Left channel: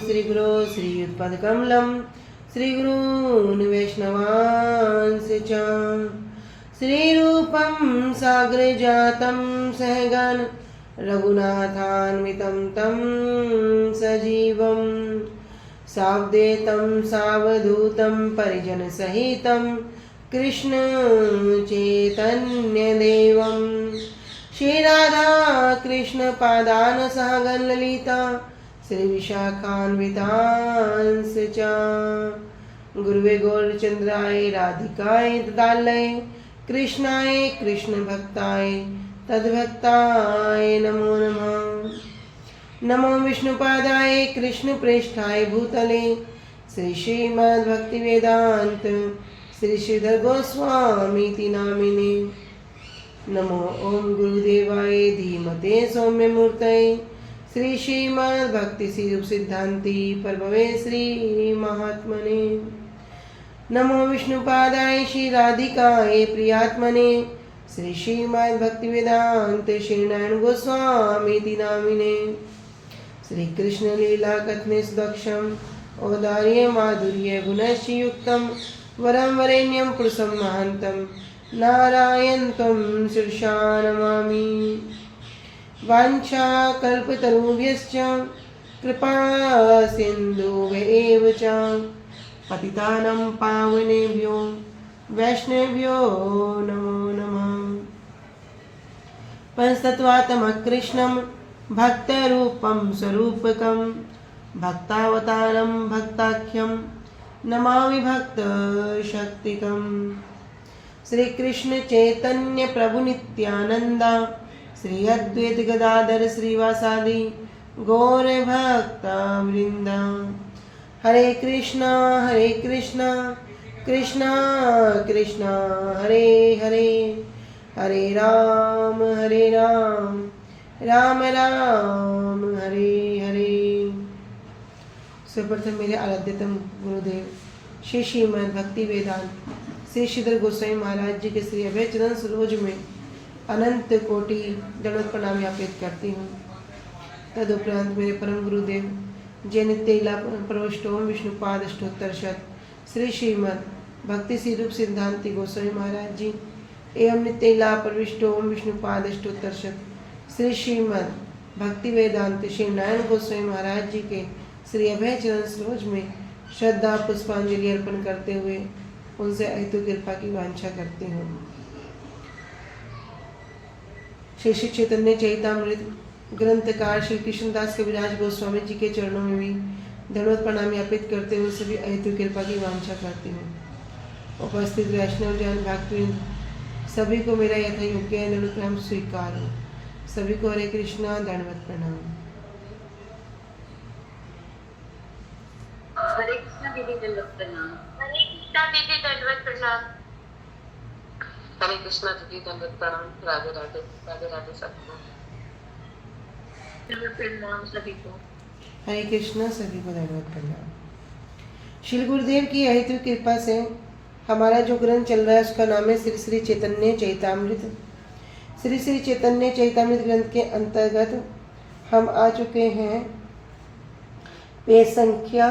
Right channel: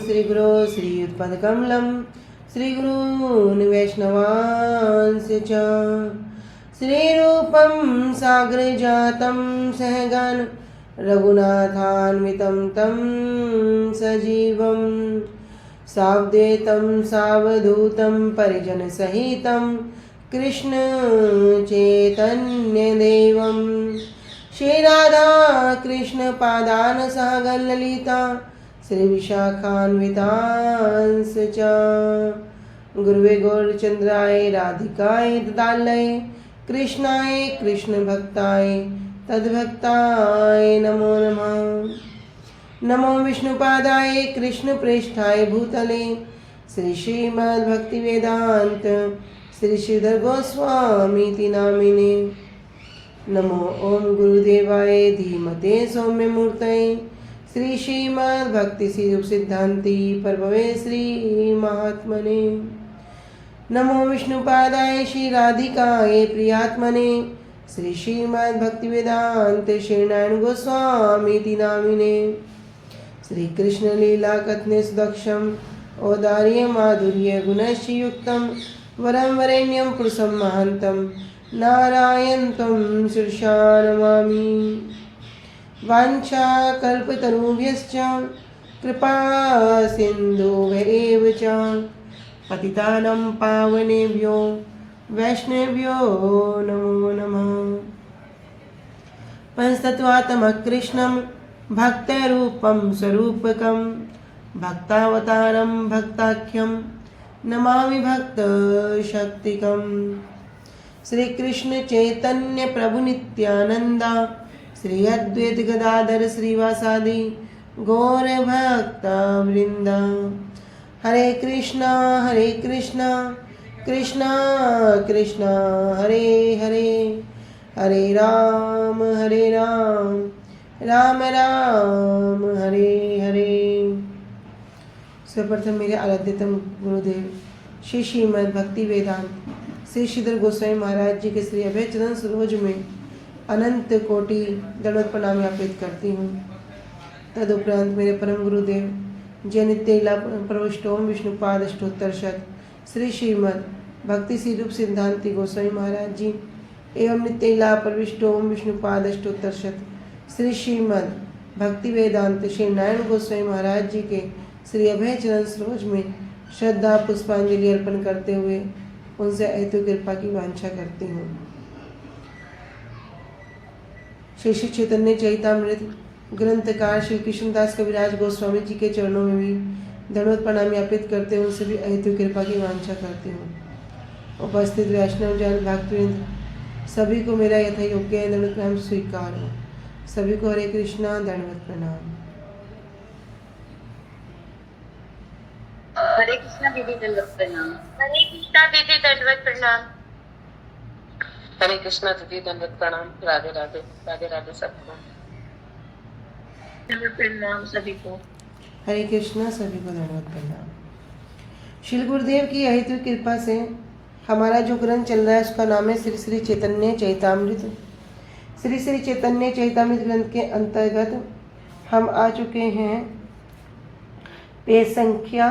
श्रीगुरो श्रीयुत्पदकमलं श्रीगुरून् वैष्णवांश्च च श्रीरूपं साग्रजातं सहगण रघुनाथान्वितं तं सजीवं सावधूतं सावधूतं परिजनसहितं कृष्ण चैतन्यदेवं श्रीराधा कृष्ण पादान सहगण ललिता श्री विशाखान्वितांश्च च गुरुवे गौरचंद्राय राधिकाय तदालय कृष्णाय कृष्ण भक्ताय तद्भक्ताय नमो नमः। नमो विष्णुपादाय कृष्ण प्रेष्ठाय भूतले श्री श्रीमद्भक्ति वेदांत श्री श्रीधर गोस्वामी नामिने। नमो ओम गुरुदेवाय धीमते सौम्य मूर्तये श्री श्रीमद्भक्ति स्वरूप सिद्धांति प्रभवे श्री महात्मने। नमो विष्णुपादाय श्री राधिकाय प्रियात्मने श्री श्रीमद्भक्ति वेदांत श्री नारायण गोस्वामी नामिने। श्री कृष्ण लीला कथने सुदक्षम औदार्य माधुर्य गुणश्रीयुक्तं वरं वरेण्यं पुरुषं महान्तं नारायण त्वं शीर्षा नमामि। वाञ्छा कल्पतरुभ्यश्च कृपा सिन्धुभ्येव च पतितानां पावनेभ्यो वैष्णवेभ्यो नमो नमः। पंचतत्त्वात्मकं कृष्णं भक्तरूपं स्वरूपकं भक्तावतारं भक्ताख्यं नमामि भक्तशक्तिकं। श्री कृष्ण चैतन्य प्रभु नित्यानंदा श्री अद्वैत गदाधर श्रीवासादि गौर भक्ता वृंदा। हरे कृष्णा कृष्णा कृष्णा हरे हरे हरे राम राम राम हरे हरे। सर्वप्रथम मेरे आराध्यतम गुरुदेव श्री श्रीमद् भक्ति वेदांत श्री श्रीधर गोस्वामी महाराज जी के श्री अभय चरण सरोज में अनंत कोटि दंडवत प्रणाम ज्ञापित करती हूँ। तदुपरांत मेरे परम गुरुदेव जय नित्य लीला प्रविष्ट ओम विष्णुपाद अष्टोत्तर शत श्री श्रीमद् भक्ति श्री रूप सिद्धांति गोस्वामी महाराज जी एवं नित्य लीला प्रविष्ट ओम विष्णुपाद अष्टोत्तर शत श्री श्रीमद् भक्ति वेदांत श्री नारायण गोस्वामी महाराज जी के श्री अभय चरण सरोज में श्रद्धा पुष्पांजलि अर्पण करते हुए उनसे अहेतु कृपा की वांछा करती हूँ। श्री श्री चैतन्य चैतामृत ग्रंथकार श्री कृष्णदास कविराज गोस्वामी जी के चरणों में भी दंडवत प्रणाम ज्ञापित करते हुए सभी अहेतु कृपा की वांछा करती हूँ। उपस्थित वैष्णव जन भक्तवृंद सभी को मेरा यथा योग्य दंडवत प्रणाम स्वीकार हो। सभी को हरे कृष्णा दंडवत प्रणाम। हरे कृष्णा दीदी दंडवत प्रणाम। हरे कृष्णा दीदी दंडवत प्रणाम। हरे कृष्णा दीदी दंडवत प्रणाम। राधे राधे राधे राधे सबको दंडवत प्रणाम सभी को। हरे कृष्णा सभी को दंडवत प्रणाम। श्री गुरुदेव की अहेतु कृपा से हमारा जो ग्रंथ चल रहा है उसका नाम है श्री श्री चैतन्य चैतामृत। श्री श्री चैतन्य चैतामृत ग्रंथ के अंतर्गत हम आ चुके हैं पेज संख्या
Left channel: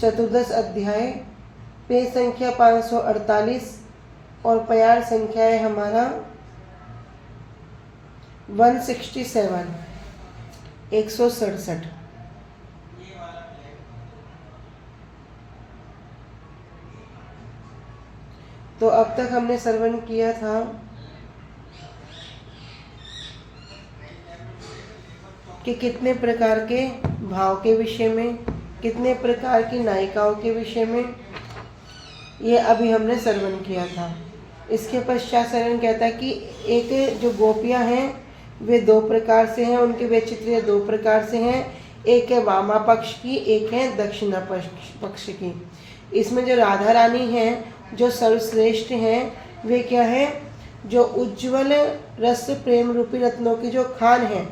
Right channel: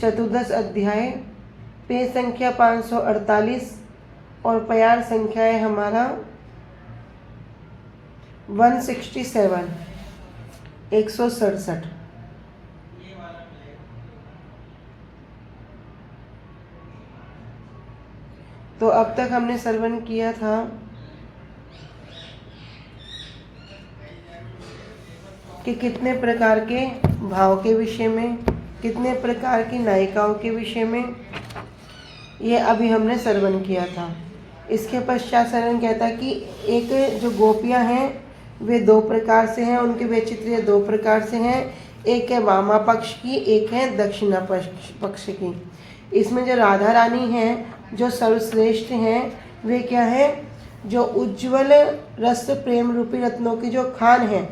14 अध्याय, पेज संख्या 548 और प्यार संख्या है हमारा 167। तो अब तक हमने श्रवण किया था कि कितने प्रकार के भाव के विषय में, कितने प्रकार की नायिकाओं के विषय में, ये अभी हमने श्रवण किया था। इसके पश्चात श्रवण किया था कि एक जो गोपियां हैं वे दो प्रकार से हैं, उनके वैचित्र्य दो प्रकार से हैं। एक है वामा पक्ष की, एक है दक्षिणा पक्ष की। इसमें जो राधा रानी हैं जो सर्वश्रेष्ठ हैं वे क्या हैं? जो उज्ज्वल रस प्रेम रूपी रत्नों की जो खान हैं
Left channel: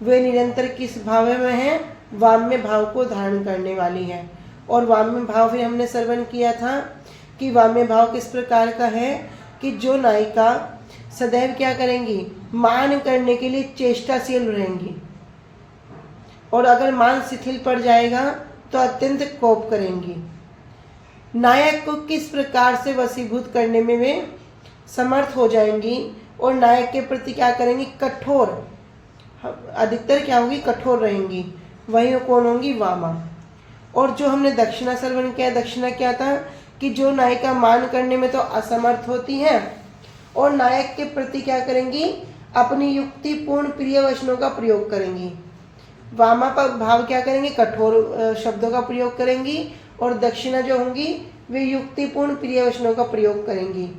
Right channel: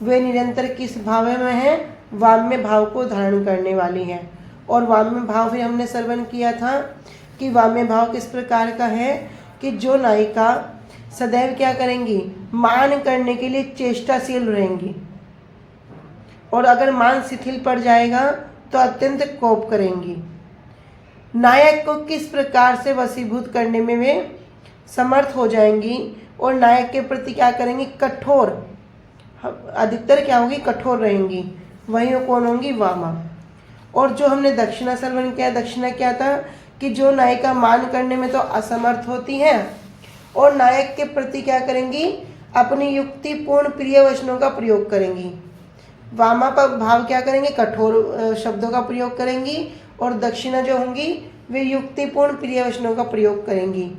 वे निरंतर किस भाव में हैं? वाम्य भाव को धारण करने वाली हैं। और वाम्य भाव भी हमने श्रवण किया था कि वाम्य भाव किस प्रकार का है कि जो नायिका सदैव क्या करेंगी? मान करने के लिए चेष्टाशील रहेंगी। और अगर मान शिथिल पड़ जाएगा तो अत्यंत कोप करेंगी। नायक को किस प्रकार से वशीभूत करने में वे समर्थ हो जाएंगी और नायक के प्रति क्या करेंगी, कठोर, अधिकतर क्या होगी, कठोर रहेंगी। वही कौन होंगी, वामा। और जो हमने दक्षिणा श्रवण किया, दक्षिणा क्या था कि जो नायिका मान करने में तो असमर्थ होती है और नायक के प्रति क्या करेंगी, अपनी युक्तिपूर्ण प्रिय वचनों का प्रयोग करेंगी। वामा पर भाव क्या करेंगे, कठोर शब्दों का प्रयोग करेंगी और दक्षिणा जो होंगी वे युक्तिपूर्ण प्रिय वचनों का प्रयोग करेंगी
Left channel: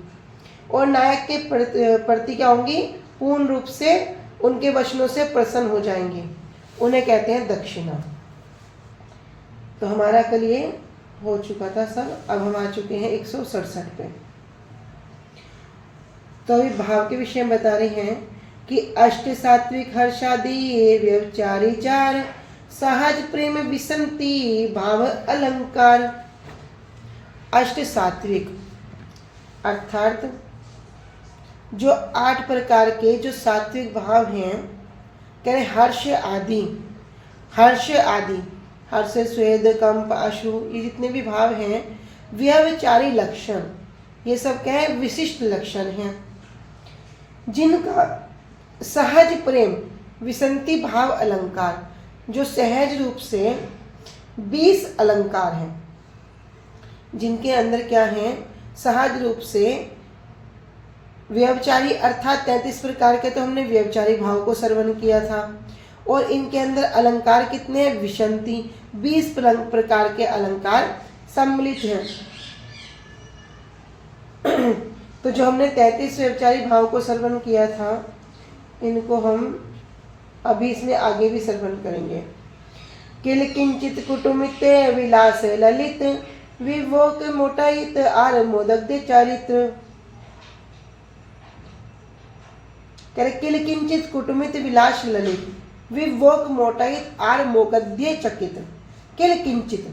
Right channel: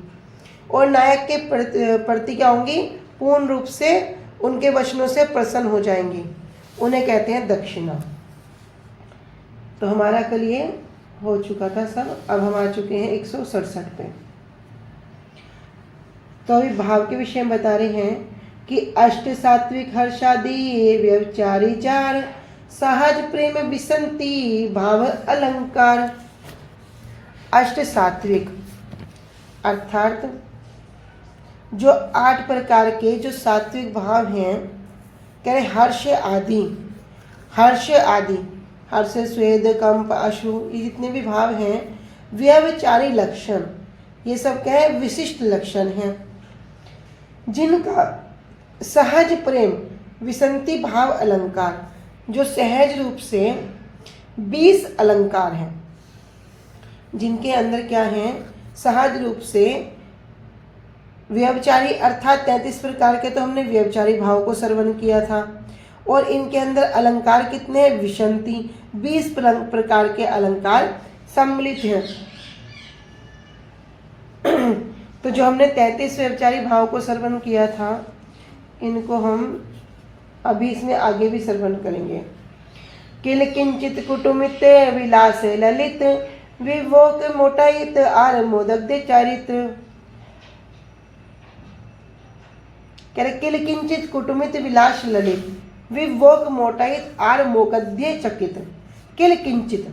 और नायक के प्रति क्या होंगी, पूर्ण रूप से उनके वचनों से प्रसन्न हो जाएंगी। उन्हें कहते हैं दक्षिणा। तो हमारा कल ये हो चुका था सब। अब हम आ चुके हैं 167 पे। तो अभी भाव के विषय में बता रहे हैं कि अष्ट सात्विक हर्षादि व्यभिचारी चार, सहज प्रेम विसंति भाव अलंकार। अष्ट सात्विक अर्थात जो 8 प्रकार के जो सात्विक भाव हैं, कह रहे हर्ष आदि, हर्ष आदि, हर्ष, स्वेद, कंप, अश्रु, ये जितने भी भाव हैं, व्यभिचारी लक्षण, ये सब क्या है, विशिष्ट लक्षण हैं, जिनका सहज प्रेम विसंति भाव अलंकार, जो सहज रूप से 20 अलंकार हैं, जिनके अंदर क्या है, सहज रूप से व्यभिचारी अर्थात 33 प्रकार के तो हमने व्यभिचारी भाव को श्रवण किया था। और इनके अंदर अलंकार कितने हैं, विसंति 20 प्रकार के अलंकार सम्मिलित हैं। तो जो हमने 33 व्यभिचारी भाव को श्रवण किया था, इनको हम अभी इसमें आगे भी श्रवण करेंगे। किल किंचित कुटुमित विलास ललित, विभोग मोटाइत आर मोदग्ध चारित्र। कह रहे किल किंचित कुटुमित विलास ललित, विभोग मोटाइत आर मोगद्य चकित। किल किंचित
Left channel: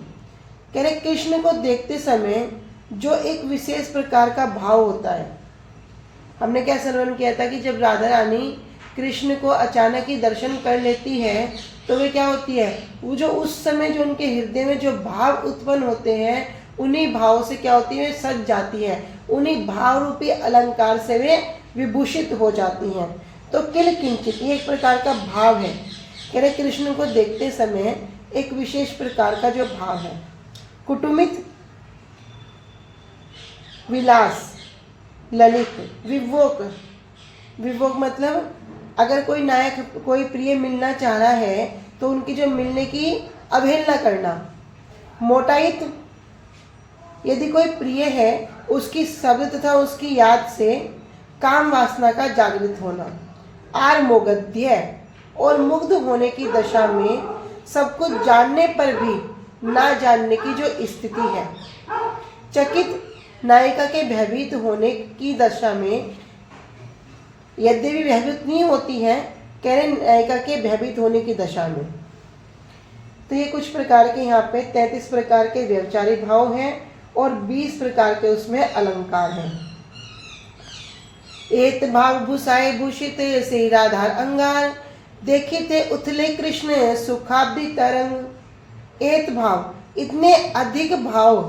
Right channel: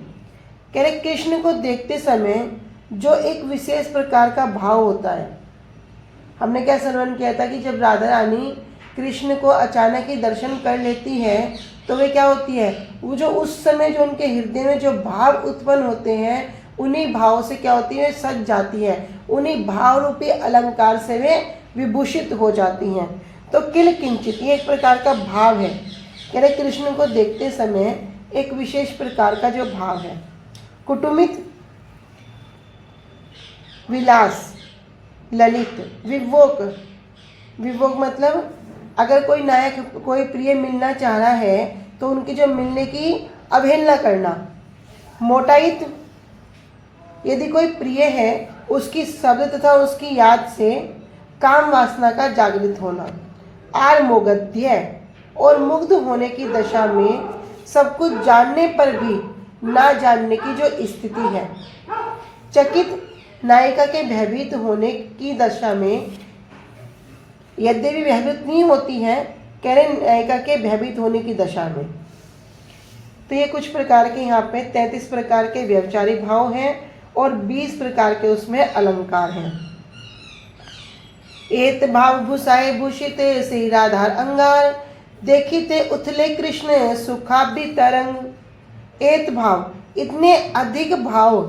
कह रहे कृष्ण को देखते समय जो एक विशेष प्रकार का भाव होता है। हमने क्या श्रवण किया था कि जब राधा रानी कृष्ण को अचानक ही दर्शन कर लेती है तो वे क्या होती है, वो जो उस समय जो उनके हृदय में जो भाव उत्पन्न होते हैं, उन्हीं भाव से क्या होती है, सज जाती है, उन्हीं भाव रूपी अलंकार से वे विभूषित हो जाती हैं। तो किल किंचित ये एक प्रकार का भाव है। कह रहे कृष्ण को देखते समय एक विशेष प्रकार का जो भाव है। कुटुमित, विलास, ललित, विभोग, विभोग मतलब अगर कोई नायक कोई प्रिय मिलना चाह रहा है तो उनकी जो मिलने की अवहेलना करना। मोटाइत यदि कोई प्रिय है उसकी शब्द तथा उसकी याद से काम वासना का जागृत होना। आर मोगद्य और मुग्ध होने की दशा में सब कुछ जानने पर भी ना जानने की जो स्थिति है। चकित नायिका के भयभीत होने की दशा में, यद्यपि भयभीत नहीं होती है, कह रहे नायिका के भयभीत होने की दशा में। तो ये कुछ प्रकार के यहाँ पे 33 प्रकार के व्यभिचारी भाव हैं और 20 प्रकार के उसमें अलंकार हैं। एत भाव भूषाए भूषित से राधार अंगार, देखिते उथले कृष्ण सुखाब्दी तरंग। एत भाव इतने अधिक भाव,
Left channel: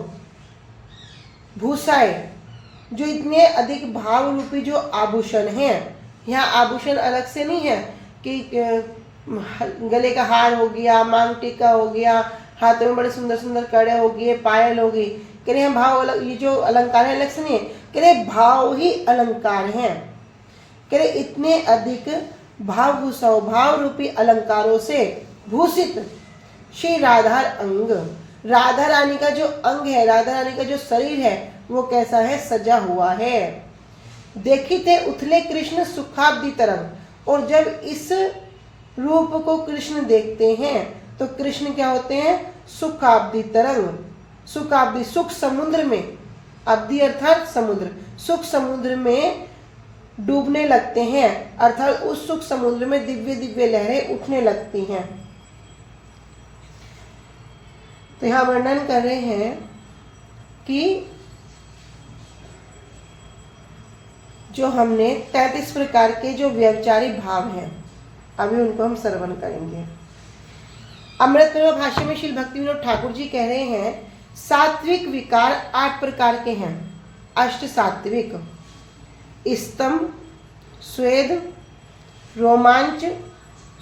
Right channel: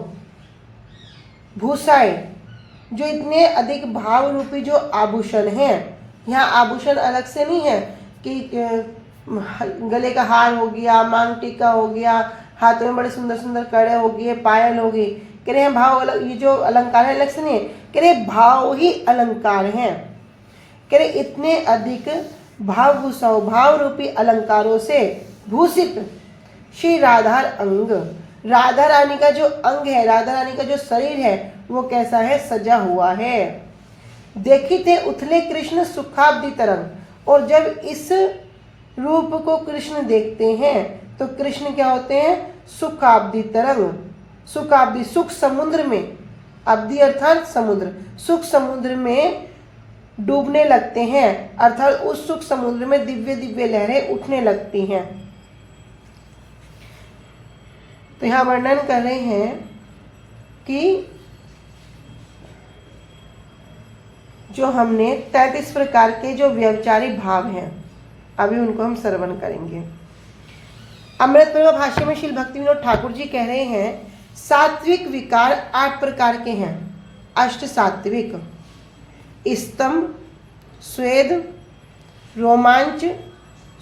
भूषाए जो इतने अधिक भाव रूपी जो आभूषण हैं, यहाँ आभूषण अलग से नहीं है कि गले का हार हो गया, मांग टीका हो गया, हाथों में बड़े सुंदर सुंदर कड़े हो गए, पायल हो गई। कह रहे हैं भाव अलग, ये जो अलंकार है अलग से नहीं है, कह रहे भाव ही अलंकार हैं। कह रहे इतने अधिक भाव भूषाओं, भाव रूपी अलंकारों से भूषित श्री राधा अंग, राधा रानी का जो अंग है, राधा रानी का जो शरीर है वो कैसा है, सजा हुआ है। देखिते उथले कृष्ण सुखाब्दी तरंग। और जब इस रूप को कृष्ण देखते हैं तो कृष्ण क्या होते हैं, सुखाब्दी तरंग। सुखाब्दी सुख समुद्र में, अब्दी अर्थात समुद्र, सुख समुद्र में डूबने लगते हैं, अर्थात उस सुख समुद्र में दिव्य दिव्य लहरें उठने लगती हैं। तो यहाँ वर्णन कर रहे हैं कि जो हमने 33 प्रकार के जो व्यभिचारी भाव हैं, अभी उनको हम श्रवण करेंगे। अमृत प्रभा भाष्य में श्री भक्ति विनोद ठाकुर जी कह रहे हैं सात्विक विकार 8 प्रकार के हैं। अष्ट सात्विक: स्तंभ, स्वेद, रोमांच,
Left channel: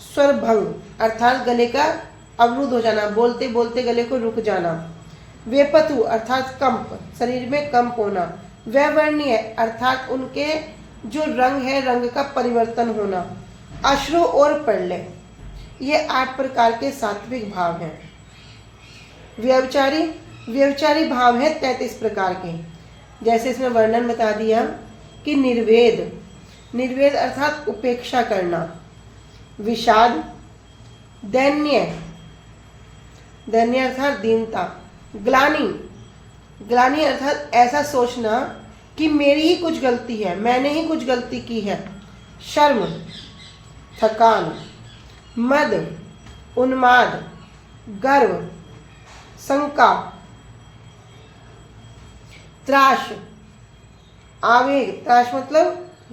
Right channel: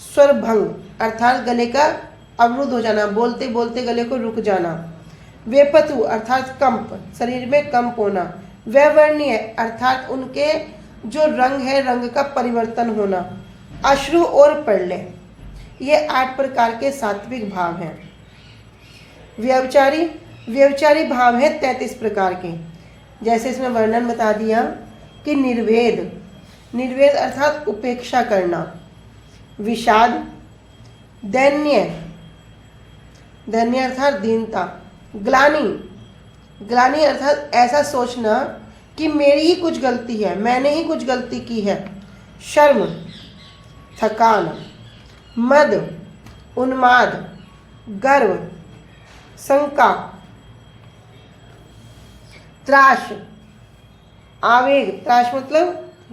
स्वरभंग अर्थात गले का अवरुद्ध हो जाना, बोलते बोलते गले को रुक जाना, वेपतु अर्थात कंप, शरीर में कंप होना, वैवर्ण्य अर्थात उनके जो रंग है रंग का परिवर्तन होना, अश्रु और प्रलय, ये 8 प्रकार के सात्विक भाव हैं। व्यभिचारी भाव है 33 प्रकार के। जैसे इसमें वर्णन बता दिया कि निर्वेद अर्थात उपेक्षा करना, विषाद, दैन्य अर्थात दीनता, ग्लानि अर्थात ऐसा सोचना कि मेरी ही कुछ गलती है, मैंने ही कुछ गलती की है, शर्म, थकान, मद, उन्माद, गर्व, शंका, त्रास, आवेग, त्रास मतलब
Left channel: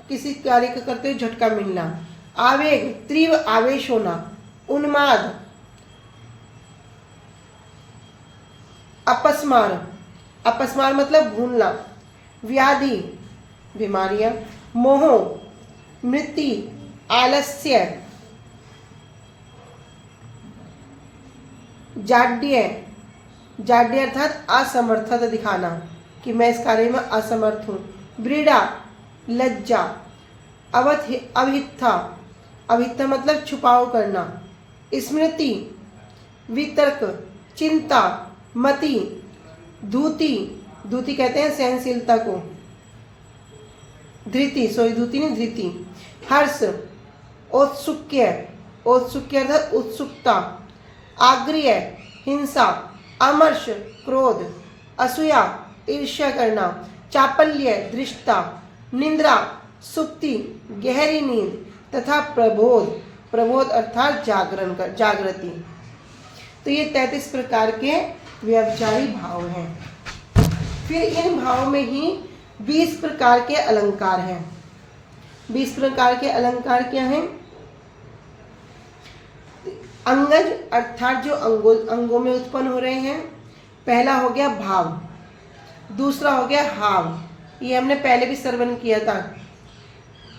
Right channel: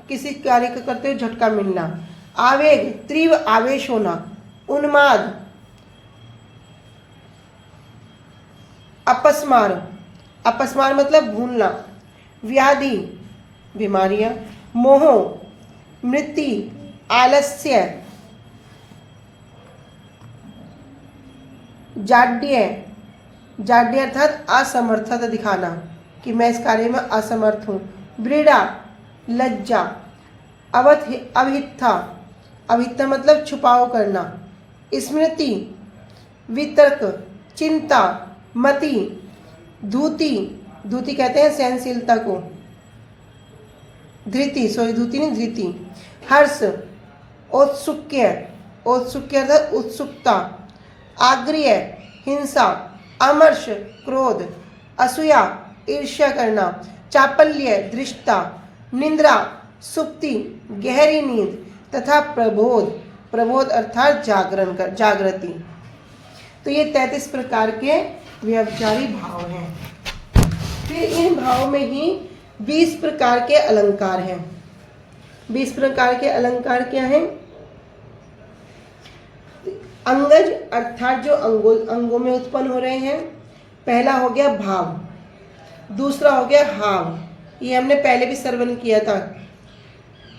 किसी कार्य को करते हुए झटका मिलना, आवेग, तीव्र आवेश होना, उन्माद, अपस्मार मतलब भूलना, व्याधि, बीमारियां, मोह, मृत्यु, आलस्य, जाड्य अर्थात असमर्थता दिखाना कि मैं इस कार्य में असमर्थ हूँ, व्रीड़ा, लज्जा, अभित्था मतलब छुपाव करना, स्मृति, वितर्क, चिंता, मति, धूति कहते हैं सहनशीलता को, धृति, हर्ष, औत्सुक्य अर्थात उत्सुकता, आग्रह, हिंसा, अमर्ष, क्रोध, असूया, ईर्ष्या करना, चापल्य, दृष्टता, निंद्रा, सुप्ति, गहरी नींद तथा प्रबोध अर्थात जागृति। तो ये 33 प्रकार के व्यभिचारी भाव हैं। फिर इन भावों में ही 20 प्रकार के अलंकार हैं। 20 प्रकार के अलंकार क्या हैं? अंगज अर्थात जो अंगों में उत्पन्न हो रहे हैं। पहला हो गया भाव, दूसरा हो गया हाव, ये हमने पहले भी श्रवण किया था।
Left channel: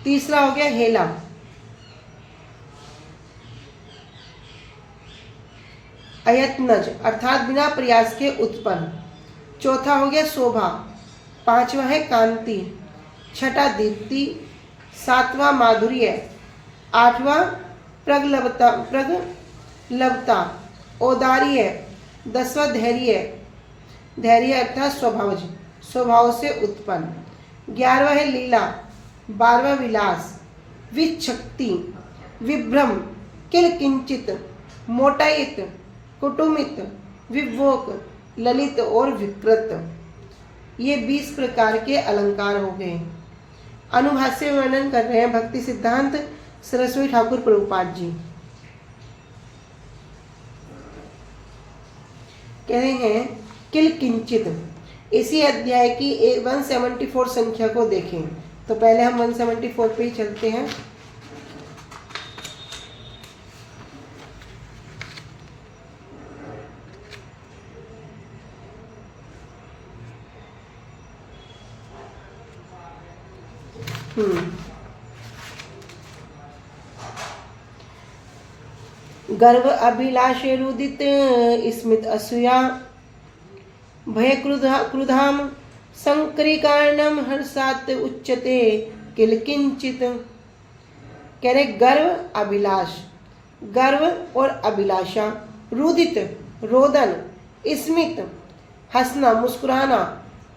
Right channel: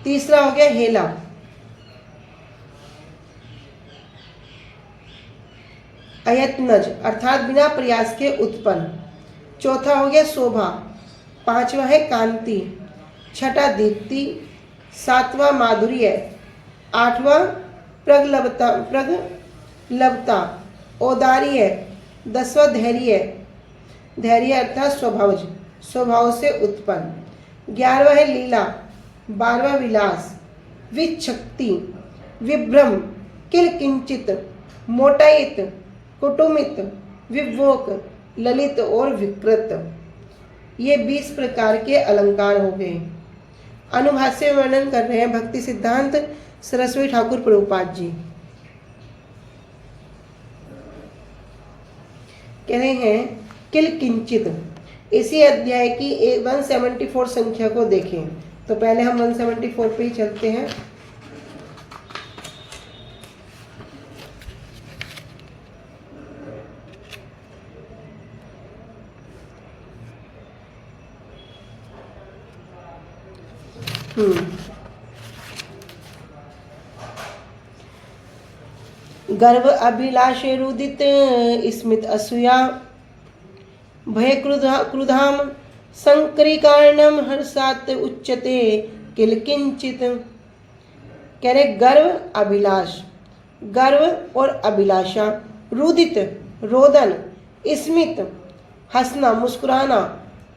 तीसरा हो गया हेला, अयत्नज अर्थात बिना प्रयास के उत्पन्न। चौथा हो गया शोभा, पांचवा है कांति, छठा दीप्ति, सातवां माधुर्य, आठवां प्रगल्भता, औदार्य, 10वां धैर्य अर्थात स्वभाव से उत्पन्न। 11वां है लीला, 12वां विलास, विच्छक्ति, विभ्रम, किलकिंचित, मोटायित, कुटुमित, विभोक, ललित और विकृत। ये 20 प्रकार के अलंकार हो गए। अनुभाष्य में वर्णन कर रहे हैं भक्ति सिद्धांत सरस्वती ठाकुर प्रभुपाद जी। कह रहे हैं किलकिंचित। इसी अध्याय की 174 संख्या को देखें। तो पहले हम 174 पे ही चलते हैं। गर्व अभिलाष रुदित स्मित असूया भय क्रुधाम संकरीकारणम हर्षात उच्चते किलकिंचित। कह रहे गर्व अभिलाष, गर्व और अभिलाषा, रुदित रोदन, स्मित हंसना मुस्कुराना,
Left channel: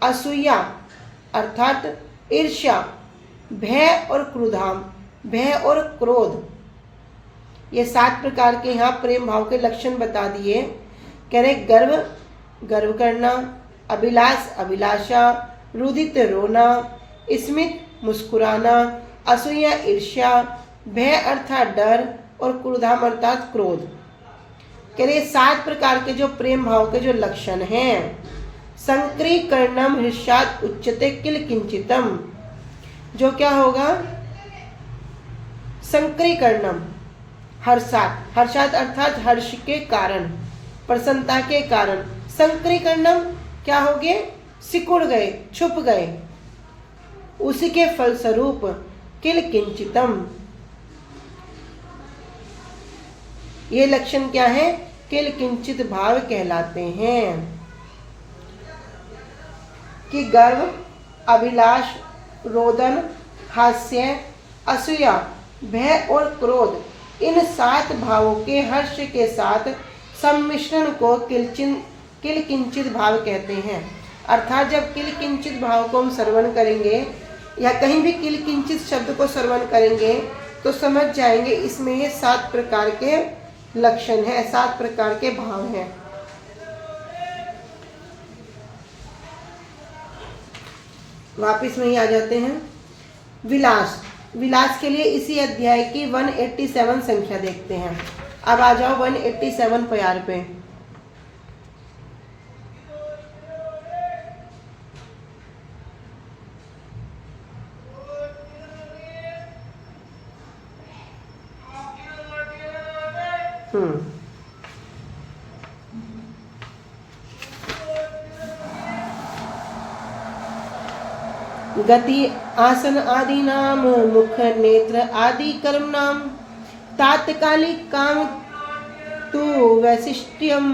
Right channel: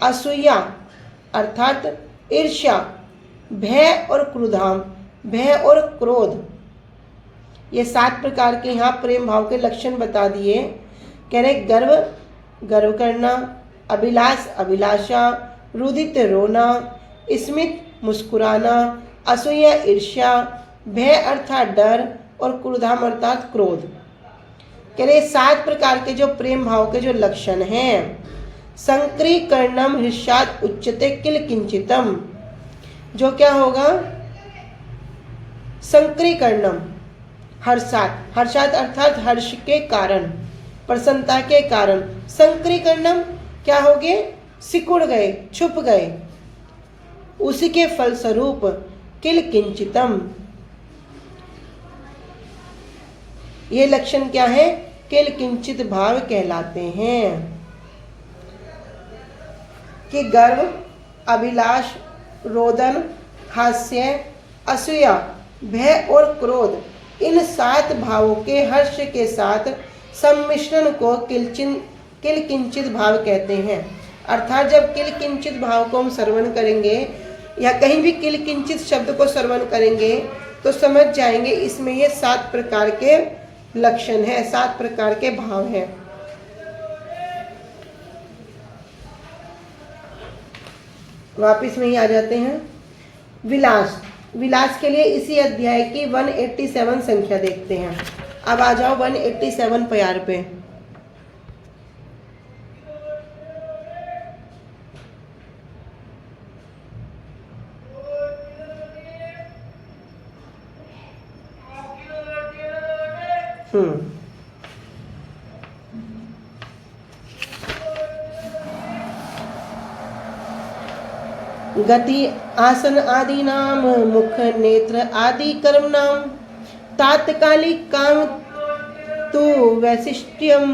असूया अर्थात ईर्ष्या, भय और क्रुधाम भय और क्रोध। ये 7 प्रकार के यहाँ प्रेम भाव के लक्षण बता दिए। कह रहे गर्व करना, अभिलाष अभिलाषा, रुदित रोना, स्मित मुस्कुराना, असूया ईर्ष्या, भय अर्थात डर और क्रोधाम अर्थात क्रोध। कह रहे 7 प्रकार के जो प्रेम भाव के जो लक्षण हैं। संक्रीकरणम हृष्यात उच्चते हर्षात, हर्षात अर्थात हर्ष के कारण, प्रसन्नता के कारण। संक्रीकरणम क्या हो गए? सिकुड़ गए, छुप गए। उसी के फलस्वरूप किल किंचितम, ये लक्षण क्या है? किल किंचित भाव कहलाते हैं कि गर्व, अभिलाष, रोदन, हास्य, असूया, भय और क्रोध, इन 7 भावों के हर्ष के साथ सम्मिश्रण को किल किंचित भाव कहते हैं। अर्थात जब किल किंचित भाव को हम श्रवण करेंगे या कहीं भी किल किंचित शब्द को श्रवण करेंगे तो समझ जाएंगे इसमें ये 7 प्रकार के लक्षण हैं, 7 प्रकार के भाव हैं। वापिस में ही आ जाते हैं। विलास, विलास के लिए इसी अध्याय की 187 संख्या देखते हैं। अब आ जाओ 187 प्यार पे। गति आसन आदि नाम, मुख नेत्र आदि कर्म नाम, तात्कालिक काम तो वैशिष्ट्यम,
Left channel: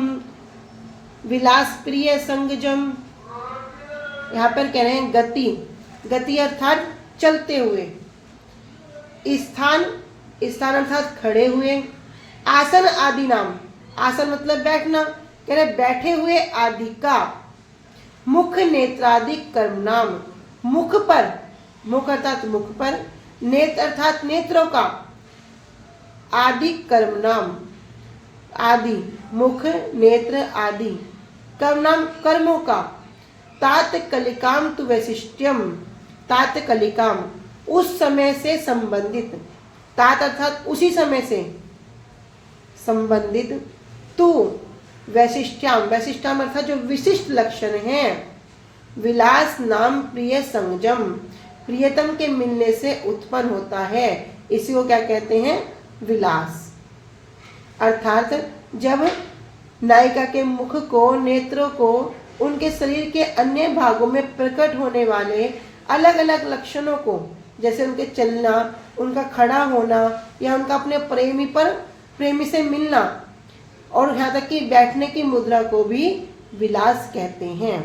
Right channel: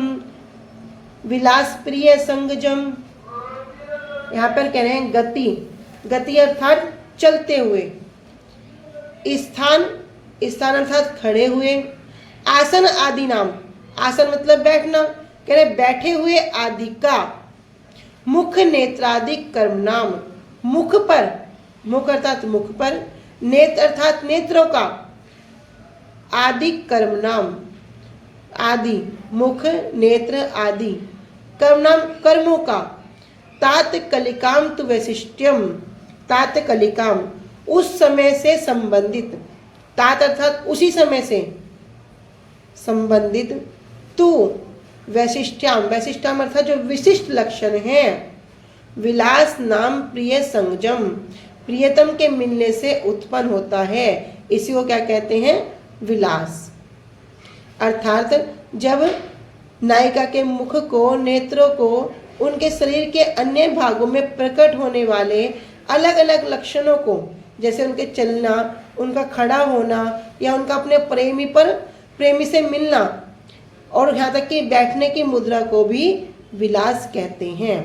विलास प्रिय संगजम। यहाँ पर कह रहे हैं गति, गति अर्थात चलते हुए, स्थान, स्थान अर्थात खड़े हुए, आसन आदि नाम, आसन मतलब बैठना, कह रहे बैठे हुए आदि का, मुख नेत्र आदि कर्म नाम, मुख पर, मुख अर्थात मुख पर, नेत्र अर्थात नेत्रों का, आदि कर्म नाम, आदि मुख नेत्र आदि कर्म नाम कर्मों का, तात्कलिकाम तु वैशिष्ट्यम, तात्कलिकाम उस समय से संबंधित, तात अर्थात उसी समय से संबंधित, तु वैशिष्ट्याम, वैशिष्ट्याम अर्थात जो विशिष्ट लक्षण है, विलास नाम प्रिय संगजम, प्रियतम के मिलने से उत्पन्न होता है, इसी को क्या कहते हैं? विलास। अर्थात जब नायिका के मुख को, नेत्रों को, उनके शरीर के अन्य भागों में प्रकट होने वाले अलग अलग लक्षणों को, जैसे उनके चलना, उनका खड़ा होना या उनका अपने प्रेमी से मिलना और यहाँ तक कि बैठने की मुद्रा को भी विलास कहते हैं।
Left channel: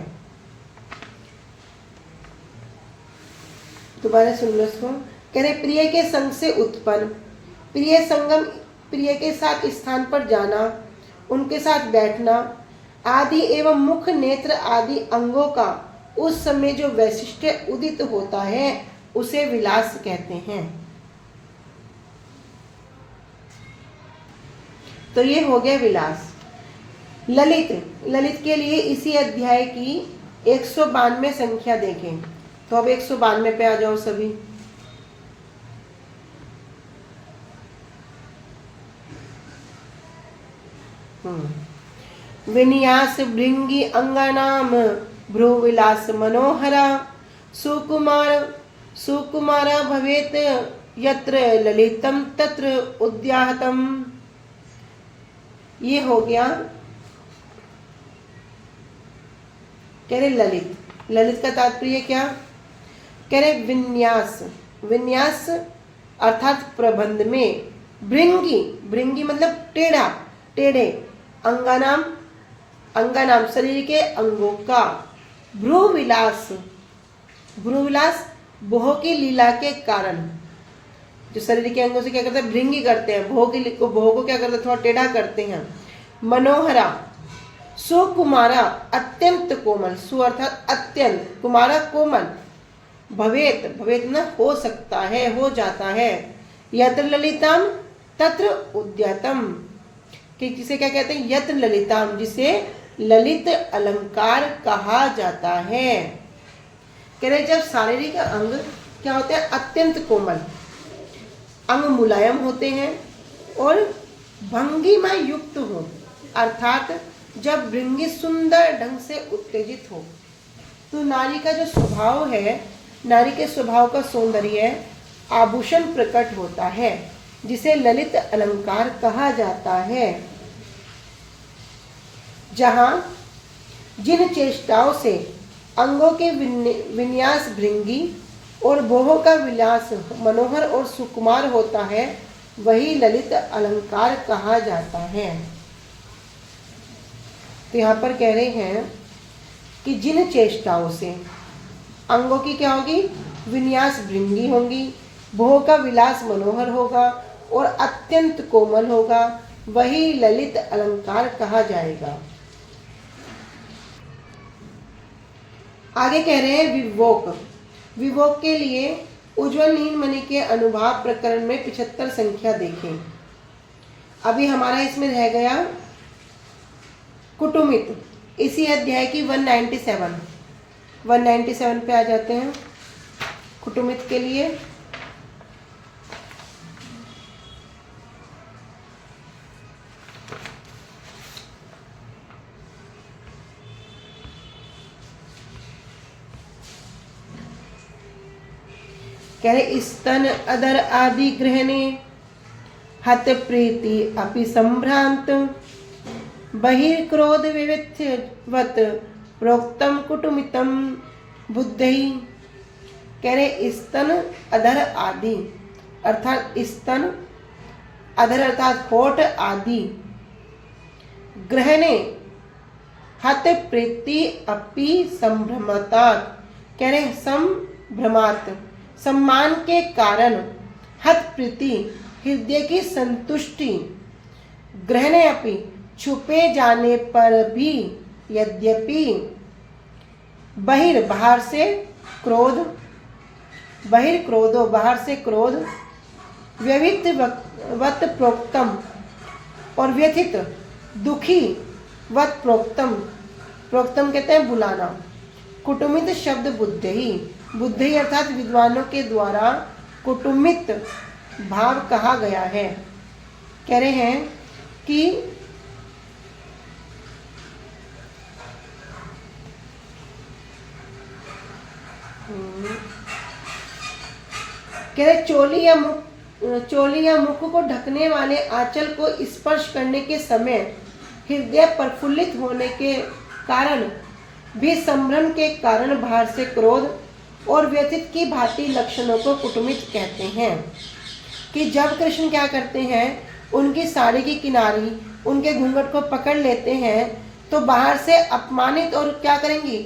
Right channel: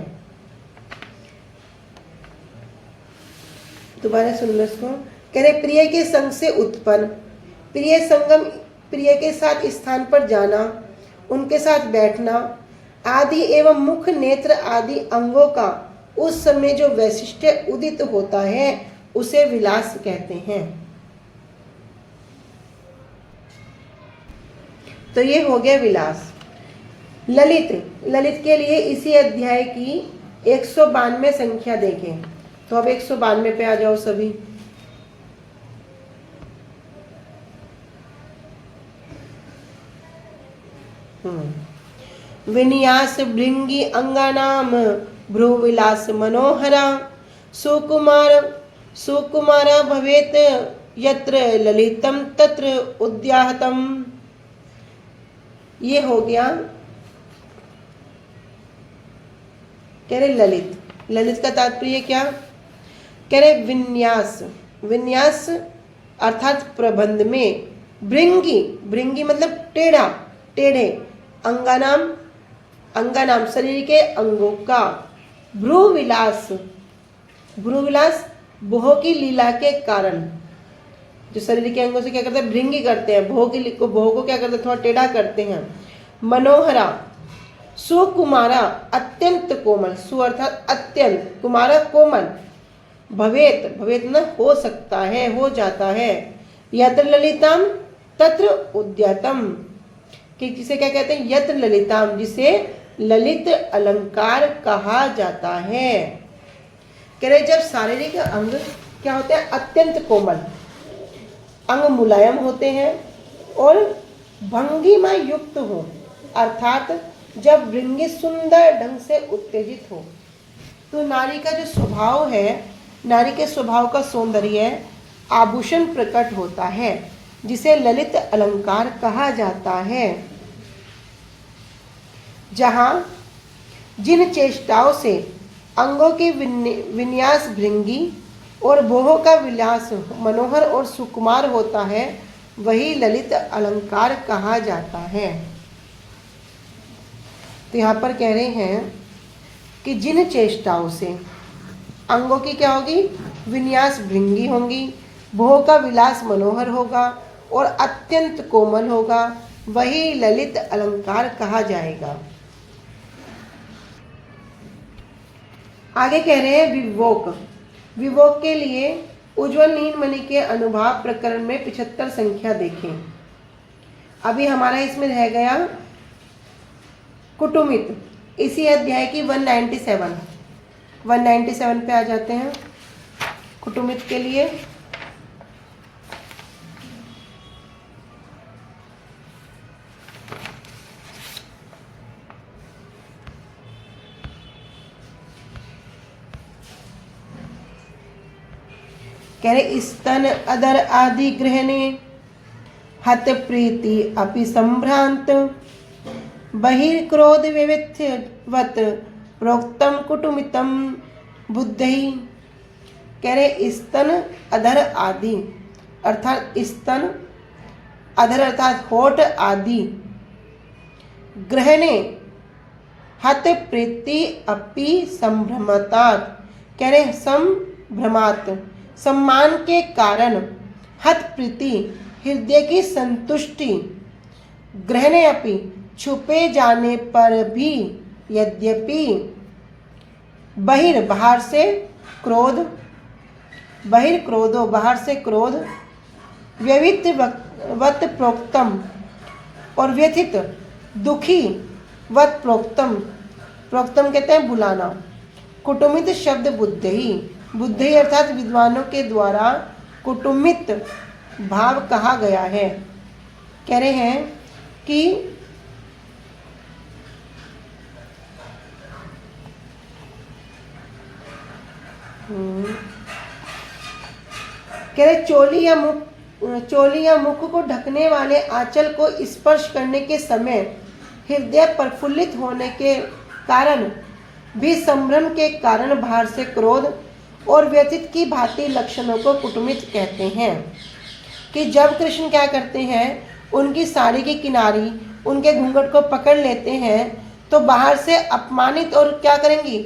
दोबारा सुन लो इसको। कह रहे प्रिय के संग से उत्पन्न, प्रिय संगम, प्रिय के साथ स्थान पर जाना, उनके साथ बैठना आदि एवं मुख नेत्र आदि अंगों का उस समय जो वैशिष्ट्य उदित होता है उसे विलास कहते हैं। तो ये हो गया विलास। ललित, ललित के लिए इसी अध्याय की 192 संख्या देखें। तो अब 192 पे आ जाओ सभी। विन्यास भृंगी अंगानाम, भ्रुविलास मनोहरा, सुकुमार सुकुमारा भवेत यत्र ललितम तत्र उद्याहतम। ये हो गया। कह रहे ललित, ललित का तात्पर्य क्या? कह रहे विन्यास, विन्यास अर्थात प्रबंध में, भृंगी, भृंगी मतलब टेढ़ा, टेढ़े, अंगानाम, अंगानाम शरीर के अंगों का, भ्रुविलास, भ्रुविलास भोह की लीला के कारण, जो शरीर के अंगों से क्या करते हैं? भृंगी करते हैं, भोह को क्या करते हैं? थोड़ा टेढ़ा करते हैं। मनोहरा, सुकुमारा अत्यंत कोमल, सु अर्थात अत्यंत, कुमारा कोमल, भवेत, भवेत न हो सकता है, हो जाता है, यत्र ललिताम तत्र उद्यतम, कि जिसे क्या कहते हैं? यत्र ललिताम, जिसे ललित अलंकार कहा जाता है। कह रहे जब शारीरिक अंग क्या होते हैं? अत्यंत कोमल, अंग मुलायम होते हैं और भंगिमा युक्त हो, अर्थात जब भृंगी सुंदर ढंग से उत्तेजित हो तो नारी का जो स्वभाव है, नारी के स्वभाव का सौंदर्य आभूषण प्रकट होता है। जिसे ललित अलंकार कहा जाता है, जहाँ जिन चेष्टाओं से अंगों की विन्यास भृंगी और भोहों का विलास मनोहर और सुकुमार होता है, वही ललित अलंकार कहा जाता है। तो यहाँ पर कह रहे हैं कि जिन चेष्टाओं से अंगों की क्या होगी, विन्यास भृंगी होंगी, भोह का विलास मनोहर होगा और अत्यंत कोमल होगा, वही ललित अलंकार कहा जाएगा। आगे कह रहे हैं विवोक। विवोक के लिए उज्ज्वल नीलमणि के अनुभाव प्रकरण में 75 संख्या देखें। अभी हमारा इसमें रह गया कुटुमित, इसी अध्याय की 197 पे आ जाते हैं कुटुमित के लिए। कह रहे स्तन अदर आदि ग्रहणे हत प्रीति अपि संभ्रांत बहिर्क्रोध विविधवत प्रोक्तम कुटुमितम बुद्धि। कह रहे स्तन अधर आदि अर्थात स्तन अधर अर्थात होठ आदि ग्रहणे हत प्रीति अपि संभ्रमतात। कह रहे संभ्रमात सम्मान के कारण, हत प्रीति हृदय की संतुष्टि, ग्रहणे अपि छुपे जाने पर भी, यद्यपि बाहर से क्रोध, बहिर्क्रोधो बाहर से क्रोध, व्यवित वत प्रोक्तम और व्यथित दुखी वत प्रोक्तम, प्रोक्तम कहते हैं बुलाना। कुटुमित शब्द बुद्धि, बुद्धि अर्थात विद्वानों के द्वारा कुटुमित भाव कहा गया है। कह रहे हैं कि कह रहे चोली या मुख को ढकने वाले आंचल को स्पर्श करने के समय हृदय प्रफुल्लित होने के कारण भी संभ्रम के कारण बाहर से क्रोध और व्यथित की भांति लक्षणों को कुटुमित कहते हैं। कि जब कृष्ण क्या करते हैं, उनकी साड़ी की किनारी उनके घूंघट को पकड़ लेते हैं तो बाहर से अपमानित और क्या करेंगी,